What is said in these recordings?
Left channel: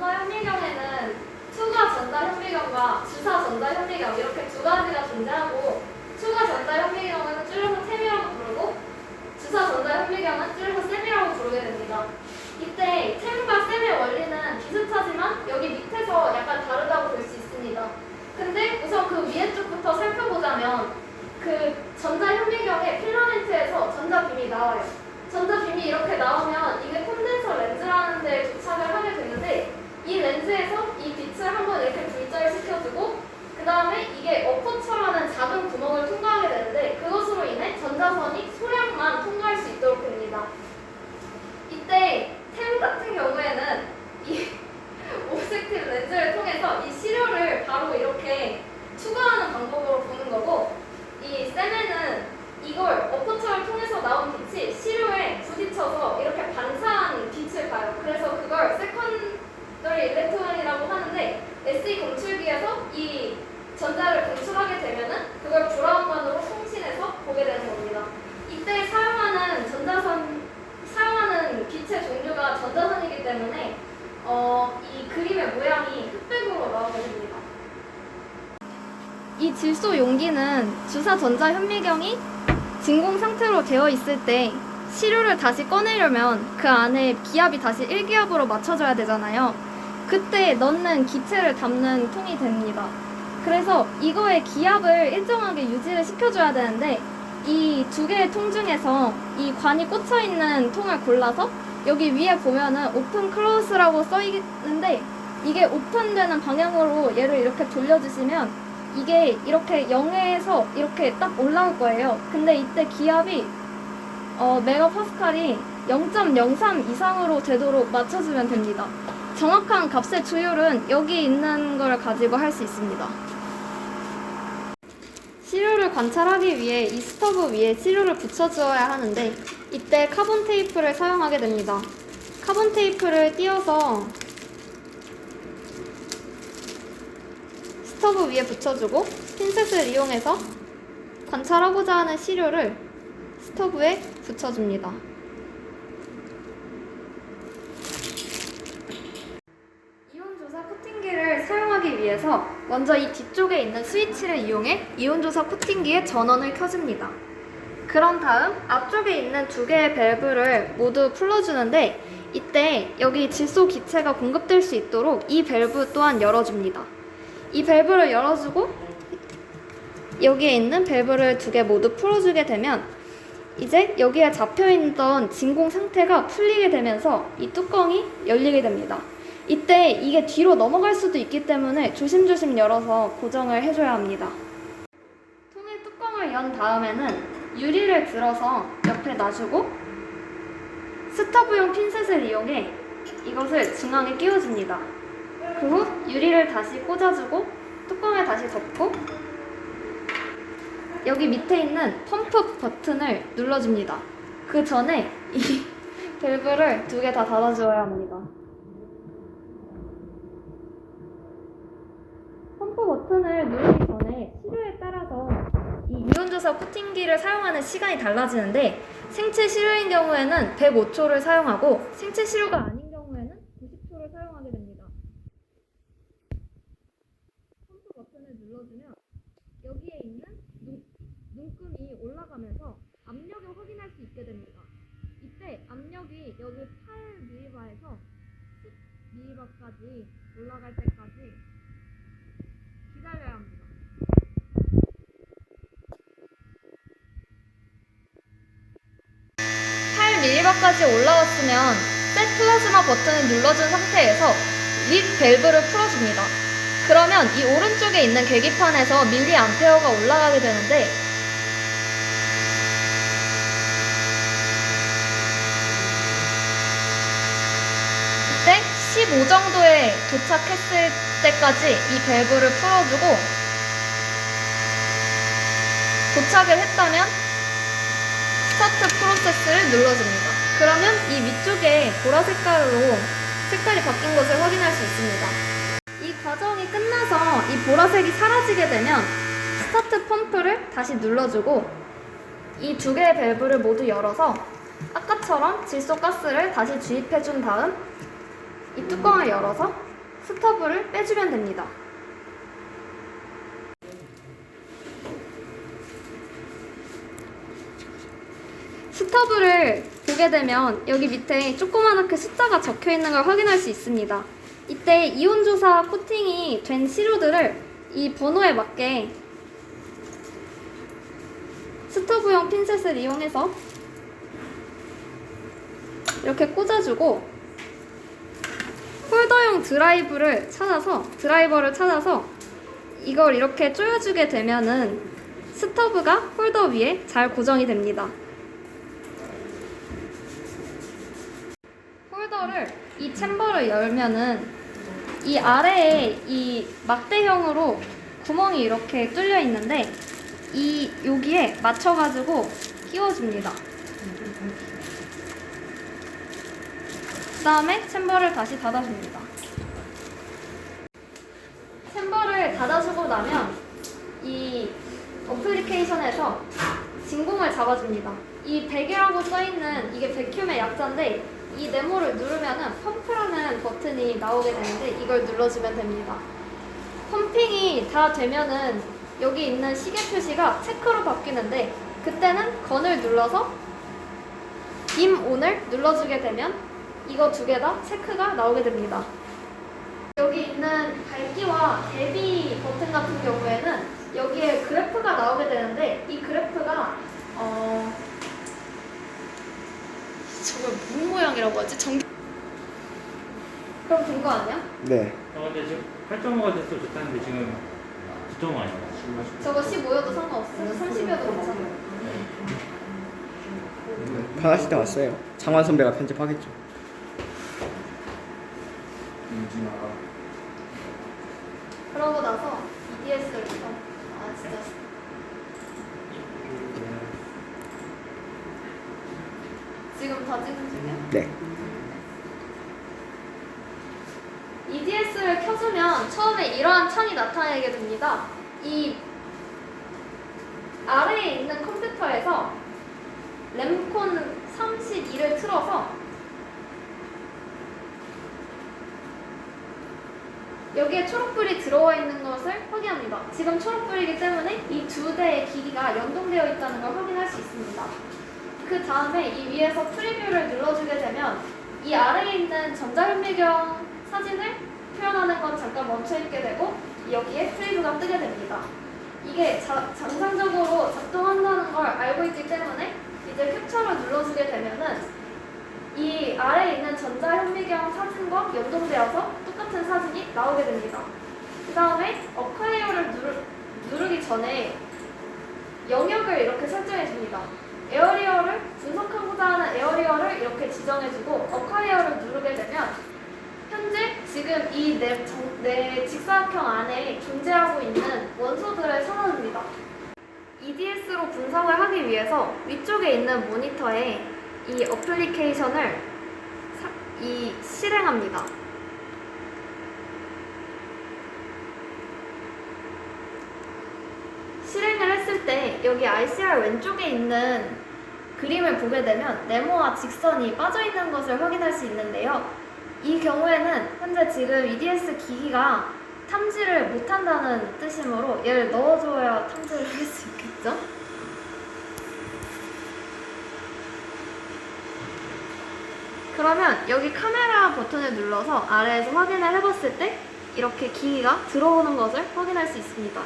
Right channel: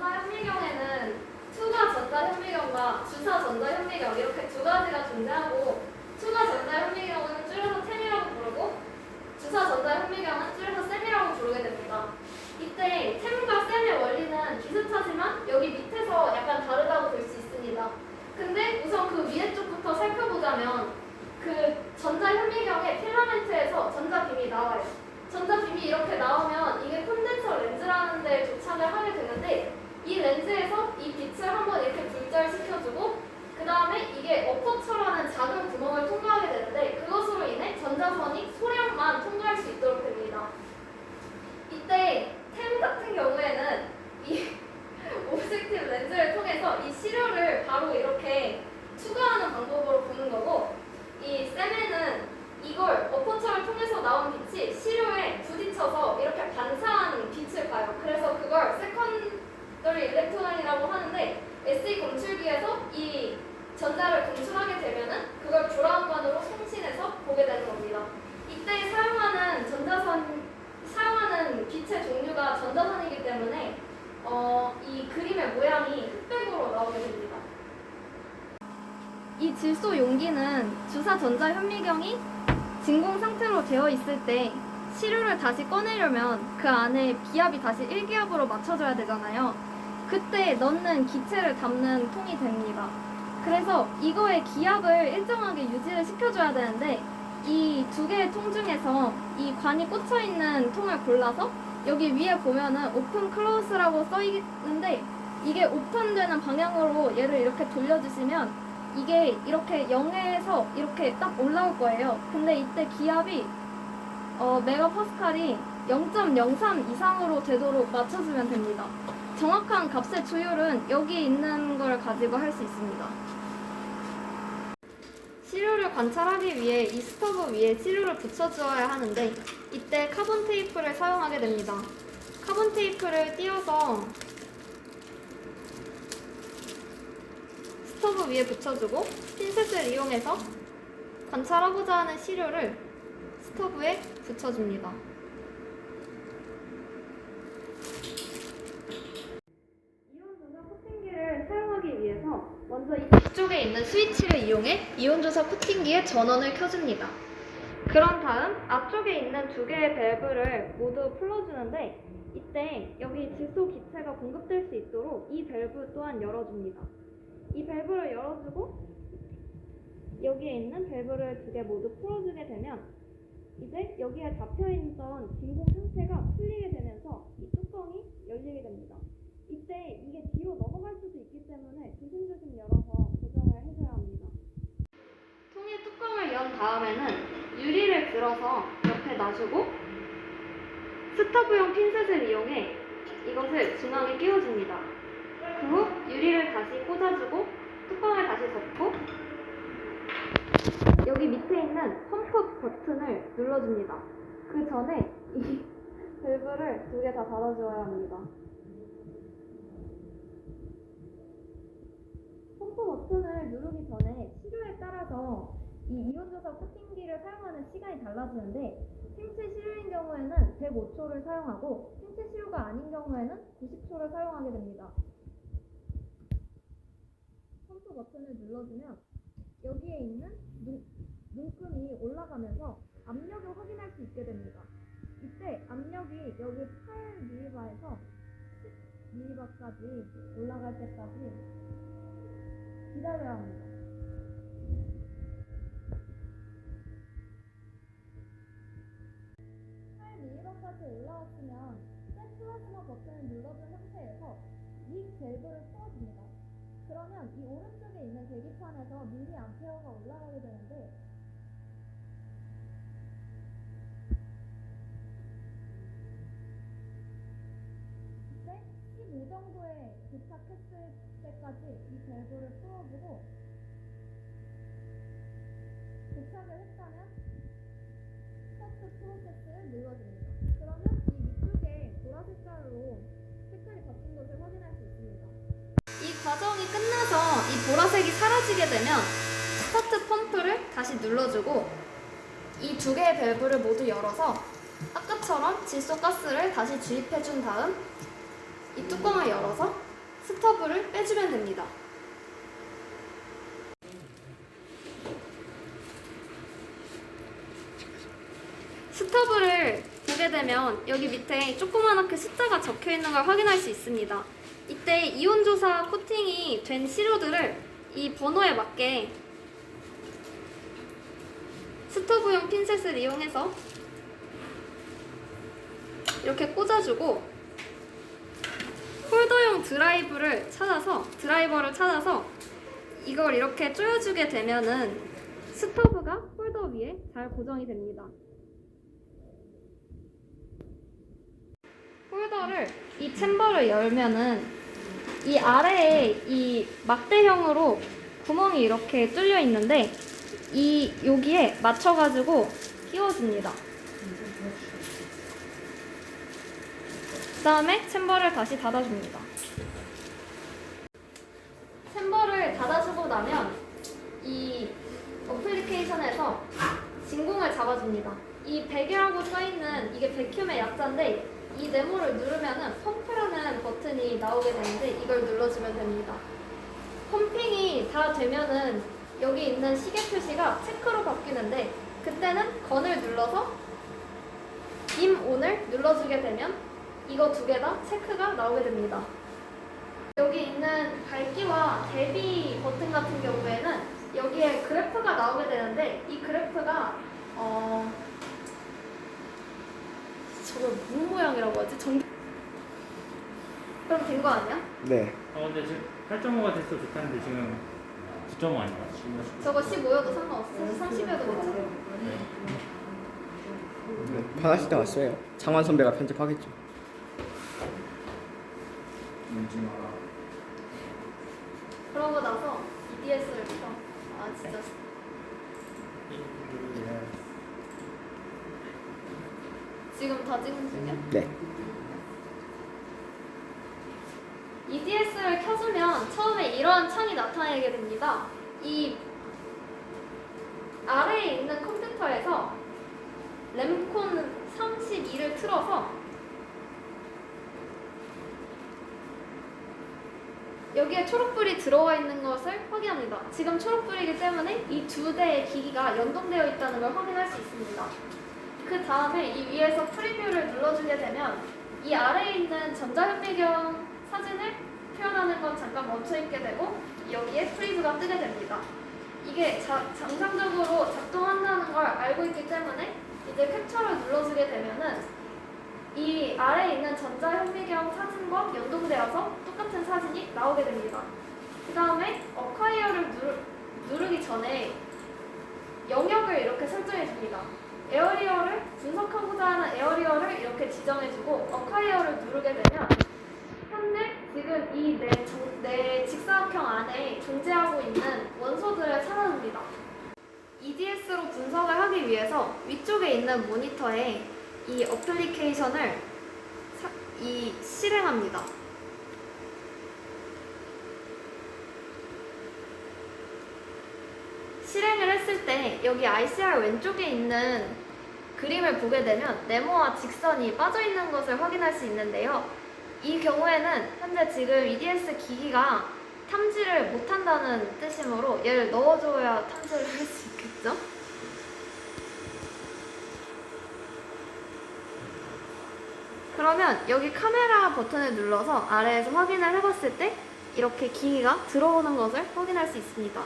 전자현미경에는 투과 전자현미경과 주사 전자현미경 이렇게 두 가지가 존재하고, 투과 전자현미경은 줄여서 템이라고 부르고 주사 전자현미경은 줄여서 셈이라고 부르게 됩니다. 이때 템과 셈의 원리는 비슷하지만 여기 밑에서 약간 다르다고 볼 수 있습니다. 근데 우선 그 위에 쪽부터 살펴보자면 그 전자현미경의 필라멘트에서 전자빔이 나와요. 전자빔이 이렇게 나오면 이게 콘덴서 렌즈라는 데 도착을 하게 되는데, 이 렌즈에서 이 빛을 한번 이렇게 불절시켜주고 그 다음에 이게 어퍼처라는 작은 구멍을 통과하게 되는데, 그것으로 인해 전자선이 소량만 통과할 수 있도록 됩니다. 이때 템 같은 경우에는 이 오브젝티브 렌즈를 통해서 이 시료를 바로 이렇게 투과하는 방법으로 보는 거고, 이 셈에는 이걸 어퍼처를 통해서 나온 빛이 시료에 부딪혀서 이렇게 반사한 빛을 봐요. 그래서 그걸 세컨더리 일렉트론이라고 하는데, SE 검출기에서 이 전자를 검출하게 되면은 그걸 브라운관으로 송신해서 보게 되는 겁니다. 이때 사용하는 빛의 종류가 전자선이기 때문에 이 그림의 모양이 흑백으로 나오게 됩니다. 이 질소 용기는 주사 전자현미경이 진공 상태로 되어 있을 때 시료를 다시 꺼내려면 그 안에 기압이 다시 1기압으로 맞춰줘야 되잖아요. 그때 넣는 기체를 담는 통이 됩니다. 그래서 이거의 기압을 일정하게 유지를 시켜줘야 되는데, 이 두 개의 통 중에서 이 관이 꽂혀있는 통을 골라서 여기 위에 보면은 오픈 클로즈라고 써있는데, 이게 오픈되는 방향으로 얘를 이렇게 돌려주시면 이게 이렇게 0에서 이렇게 딱 올라올 거예요. 근데 이때 기압이 메가파스칼이 0.03 이상으로 되도록 맞춰주면 됩니다. 정확한 값의 조율은 여기 있는 걸 가지고 할 수 있습니다. 시료를 관찰하기 위해 이 스토브 위에 시료를 붙여주어야 하는데, 이때 카본 테이프를 사용하게 됩니다. 카본 테이프를 띄워서 스토브 위에 붙여주고 핀셋을 이용해서 관찰하고자 하는 시료를 스토브에 붙여줍니다. 이온조사 코팅기를 사용하기 위해서 먼저 이 뒤쪽에 있는 스위치를 이용해 이온조사 코팅기의 전원을 켜줍니다. 그런 다음 앞쪽에 있는 두 개의 밸브를 모두 풀어주는데, 이때 여기 질소 기체가 공급될 수 있도록 이 밸브 또한 열어줍니다. 이 밸브를 열어주고 여기에 있는 밸브를 두 개 모두 풀어주게 되면 이제 여기에 잡혀있던 진공 상태가 풀리게 되면서 이 뚜껑이 열리게 됩니다. 이때 이게 뒤로 넘어갈 수도 있기 때문에 조심조심 열어서 고정을 해줘야 합니다. 통의 뚜껑을 연 다음에는 유리를 들어서 옆에 놔주고 스토브용 핀셋을 이용해 이것을 중앙에 끼워줍니다. 그 후 유리를 다시 꽂아주고 뚜껑을 다시 덮고 여기 밑에 있는 펌프 버튼을 눌러줍니다. 그 전에 이 밸브를 두 개 다 닫아주어야 합니다. 펌프 버튼을 누르기 전에 시료에 따라서 이 이온조사 코팅기를 사용하는 시간이 달라지는데, 생체 시료인 경우에는 105초를 사용하고 생체 시료가 아닌 경우에는 90초를 사용하게 됩니다. 펌프 버튼을 눌러주면 여기에 있는 눈금이 올라가면서 압력을 확인할 수 있게 됩니다. 이때 압력이 여기 8mB에서 10mB까지 올라갈 때까지 기다려야 합니다. 까지 올라왔으면 셋 플라즈마 버튼을 눌러준 상태에서 립 밸브를 풀어줍니다. 그러면 이 오른쪽에 있는 계기판에서 밀리암페어가 올라가게 되는데, 이때 15 정도에 도착했을 때까지 이 밸브를 풀어주고 도착을 했다면 스타트 프로세스를 눌러줍니다. 그러면 이 위쪽에 보라 색깔로 색깔이 바뀐 것을 확인할 수 있습니다. 이 과정이 끝나서 이 보라색이 사라지게 되면 스타트 펌프를 다시 눌러주고 이 두 개의 밸브를 모두 열어서 아까처럼 질소가스를 다시 주입해준 다음 이 뚜껑을 열어서 스터브를 빼주면 됩니다. 스터브를 보게 되면 여기 밑에 조그맣게 숫자가 적혀 있는 걸 확인할 수 있습니다. 이때 이온조사 코팅이 된 시료들을 이 번호에 맞게 스토브용 핀셋을 이용해서 이렇게 꽂아주고 홀더용 드라이버를 찾아서 이걸 이렇게 조여주게 되면은 스토브가 홀더 위에 잘 고정이 됩니다. 홀더를 이 챔버를 열면은 이 아래에 이 막대형으로 구멍이 이렇게 뚫려 있는데 여기에 맞춰가지고 끼워줍니다. 그 다음에 챔버를 다시 닫아줍니다. 챔버를 닫아주고 나면 이 어플리케이션에서 진공을 잡아줍니다. 이 100이라고 써있는 이게 백큐의 약자인데 이 네모를 누르면은 펌프라는 버튼이 나오게 되는데 이걸 눌러주면 됩니다. 펌핑이 다 되면은 여기 있는 시계 표시가 체크로 바뀌는데 그때는 건을 눌러서 빔 온을 눌러주게 되면 이거 두 개 다 체크가 나오게 됩니다. 여기 있는 밝기와 대비 버튼 같은 경우에는 여기에 그래프가 나오게 되는데 이 그래프가 저걸 무슨 모양이라고 하지? 그럼 된 거 아니야? 네. 근데 지금 8.5가 됐으면 좋다는데 지금 9.5 아니야? 저거 15여도 상관없어요. 30여도 괜찮아요. 강아지 때 왔어요. 장환 선배가 편집하겠죠. 그러고 나서 EDS를 보고 진짜 지금 다 찍은 중이야? 네. EDS를 켜주면 처음에 이러한 창이 나타나게 됩니다. 이 아래에 있는 컴퓨터에서 램콘 32를 틀어서 여기에 초록불이 들어와 있는 것을 확인합니다. 지금 초록불이기 때문에 이 두 대의 기기가 연동되어 있다는 걸 확인할 수 있습니다. 그 다음에 이 위에서 프리뷰를 눌러주게 되면 이 아래에 있는 전자현미경 사진을 표현하는 건 잠깐 멈춰있게 되고 여기에 프리뷰가 뜨게 됩니다. 이게 정상적으로 작동한다는 걸 알고 있기 때문에 이제 캡처를 눌러주게 되면은 이 아래에 있는 전자현미경 사진과 연동되어서 똑같은 사진이 나오게 됩니다. 그 다음에 어콰이어를 누르기 전에 영역을 이렇게 설정해 줍니다. 에어리어를 분석하고자 하는 에어리어를 이렇게 지정해주고 어콰이어를 누르게 되면 현재 지금 이 내 직사각형 안에 존재하고 있는 원소들을 찾아줍니다. EDS로 분석을 하기 위해서 위쪽에 있는 모니터에 이 어플리케이션을 실행합니다. 실행을 했을 때 여기 ICR 왼쪽에 있는 그림을 보게 되면 네모와 직선이 빠져 있는 것을 확인할 수 있는데요. 이 경우에는 현재 지금 EDS 기기가 탐지를 못한다는 뜻이므로 얘를 넣어줘야 탐지를 할 수 있겠죠? 그러면 여기 카메라 버튼을 눌러서 아래에서 확인을 해봤을 때 이렇게 기기가 들어오는 것을 확인할 수 있습니다.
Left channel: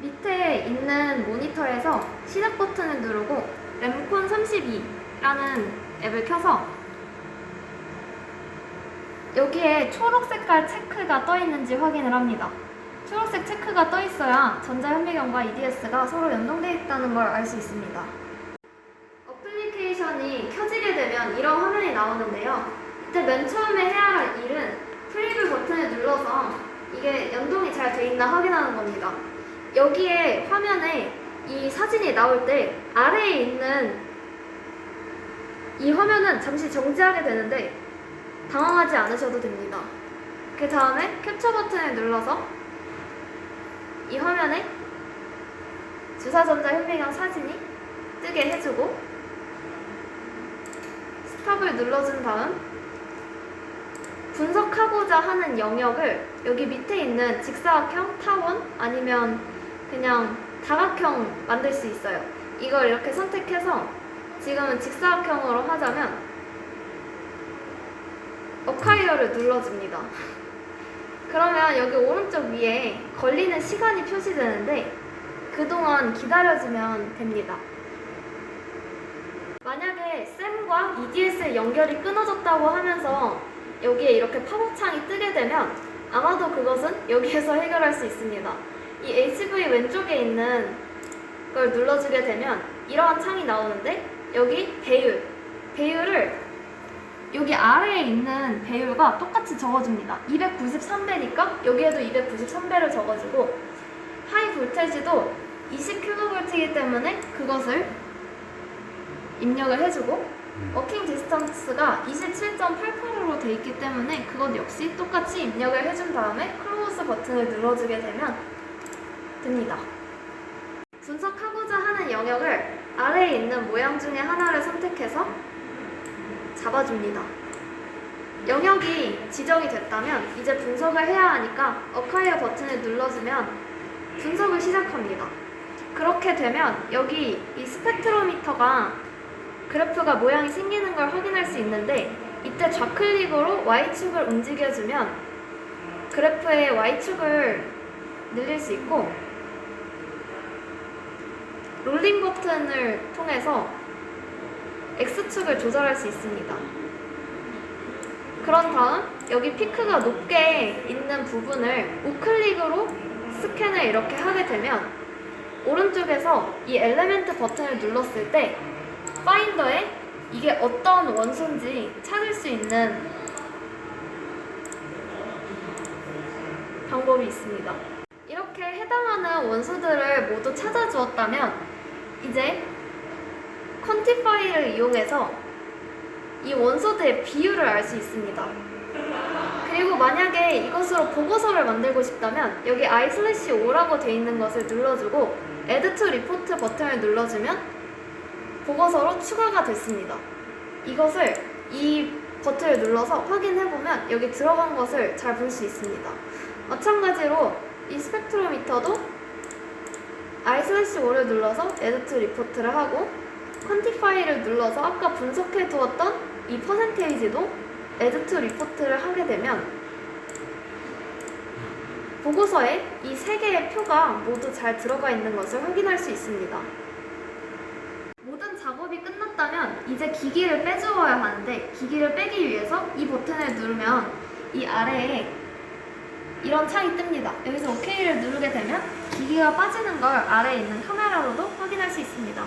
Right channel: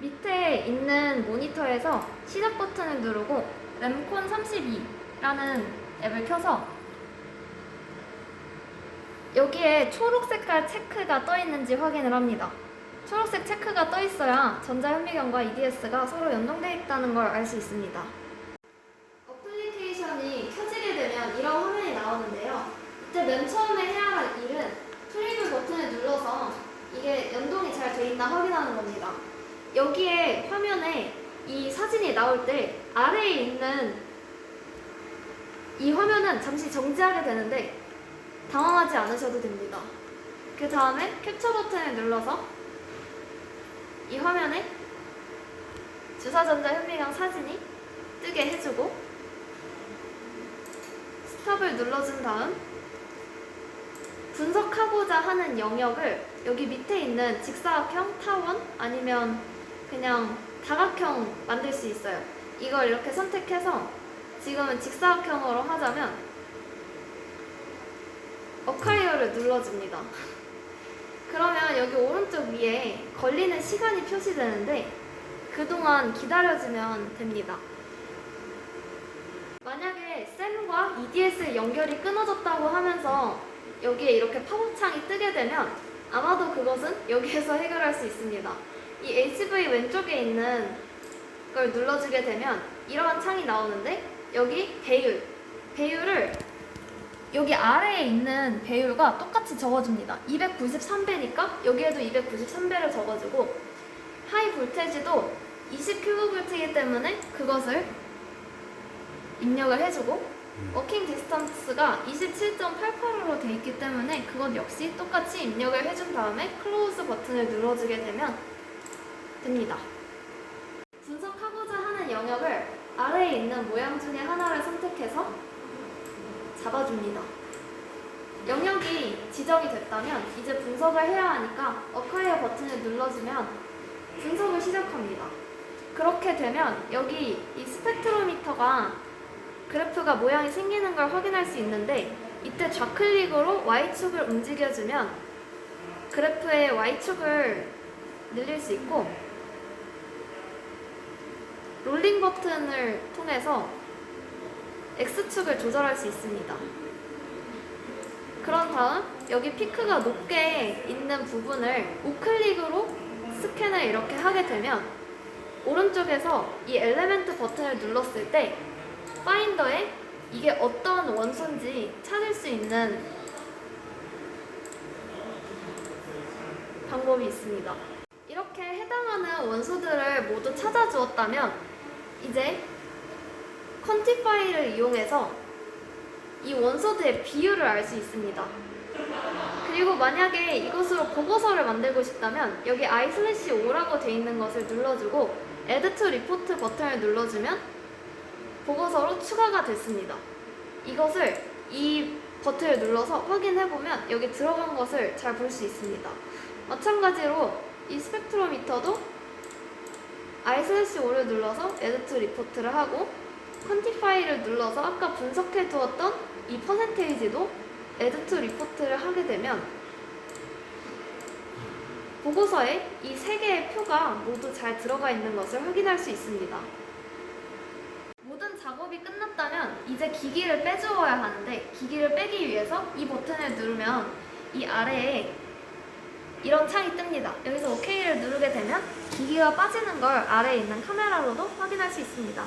밑에 있는 모니터에서 시작 버튼을 누르고 램콘 32라는 앱을 켜서 여기에 초록 색깔 체크가 떠 있는지 확인을 합니다. 초록색 체크가 떠 있어야 전자현미경과 EDS가 서로 연동되어 있다는 걸 알 수 있습니다. 어플리케이션이 켜지게 되면 이런 화면이 나오는데요. 이때 맨 처음에 해야 할 일은 프리뷰 버튼을 눌러서 이게 연동이 잘 돼 있나 확인하는 겁니다. 여기에 화면에 이 사진이 나올 때 아래에 있는 이 화면은 잠시 정지하게 되는데 당황하지 않으셔도 됩니다. 그 다음에 캡처 버튼을 눌러서 이 화면에 주사전자현미경 사진이 뜨게 해주고 스탑을 눌러준 다음 분석하고자 하는 영역을 여기 밑에 있는 직사각형, 타원 아니면 그냥 다각형 만들 수 있어요. 이걸 이렇게 선택해서 지금은 직사각형으로 하자면 어카이어를 눌러줍니다. 그러면 여기 오른쪽 위에 걸리는 시간이 표시되는데 그동안 기다려주면 됩니다. 만약에 쌤과 EDS 연결이 끊어졌다고 하면서 여기에 이렇게 팝업창이 뜨게 되면 아마도 그것은 여기에서 해결할 수 있습니다. 이 HV 왼쪽에 있는 걸 눌러주게 되면 이러한 창이 나오는데 여기 배율을 여기 아래에 있는 배율과 똑같이 적어줍니다. 293배니까 여기에도 293배를 적어주고 하이 볼테지도 20kV이기 때문에 그것을 입력을 해주고 워킹 디스턴스가 27.88으로 돼 있기 때문에 그것 역시 똑같이 입력을 해준 다음에 클로즈 버튼을 눌러주게 되면 됩니다. 분석하고자 하는 영역을 아래에 있는 모양 중에 하나를 선택해서 잡아줍니다. 영역이 지정이 됐다면 이제 분석을 해야 하니까 어카이어 버튼을 눌러주면 분석을 시작합니다. 그렇게 되면 여기 이 스펙트로미터가 그래프가 모양이 생기는 걸 확인할 수 있는데 이때 좌클릭으로 Y축을 움직여주면 그래프의 Y축을 늘릴 수 있고 롤링 버튼을 통해서 X축을 조절할 수 있습니다. 그런 다음 여기 피크가 높게 있는 부분을 우클릭으로 스캔을 이렇게 하게 되면 오른쪽에서 이 엘리멘트 버튼을 눌렀을 때 파인더에 이게 어떤 원소인지 찾을 수 있는 방법이 있습니다. 이렇게 해당하는 원소들을 모두 찾아주었다면 이제 퀀티파이를 이용해서 이 원소들의 비율을 알 수 있습니다. 그리고 만약에 이것으로 보고서를 만들고 싶다면 여기 I/5라고 되어 있는 것을 눌러주고 Add to Report 버튼을 눌러주면 보고서로 추가가 됐습니다. 이것을 이 버튼을 눌러서 확인해보면 여기 들어간 것을 잘 볼 수 있습니다. 마찬가지로 이 스펙트로미터도 I/5를 눌러서 Add to Report를 하고 퀀티파이를 눌러서 아까 분석해 두었던 이 퍼센테이지도 Add to Report를 하게 되면 보고서에 이 세 개의 표가 모두 잘 들어가 있는 것을 확인할 수 있습니다. 모든 작업이 끝났다면 이제 기기를 빼주어야 하는데 기기를 빼기 위해서 이 버튼을 누르면 이 아래에 이런 창이 뜹니다. 여기서 OK를 누르게 되면 기기가 빠지는 걸 아래에 있는 카메라로도 확인할 수 있습니다.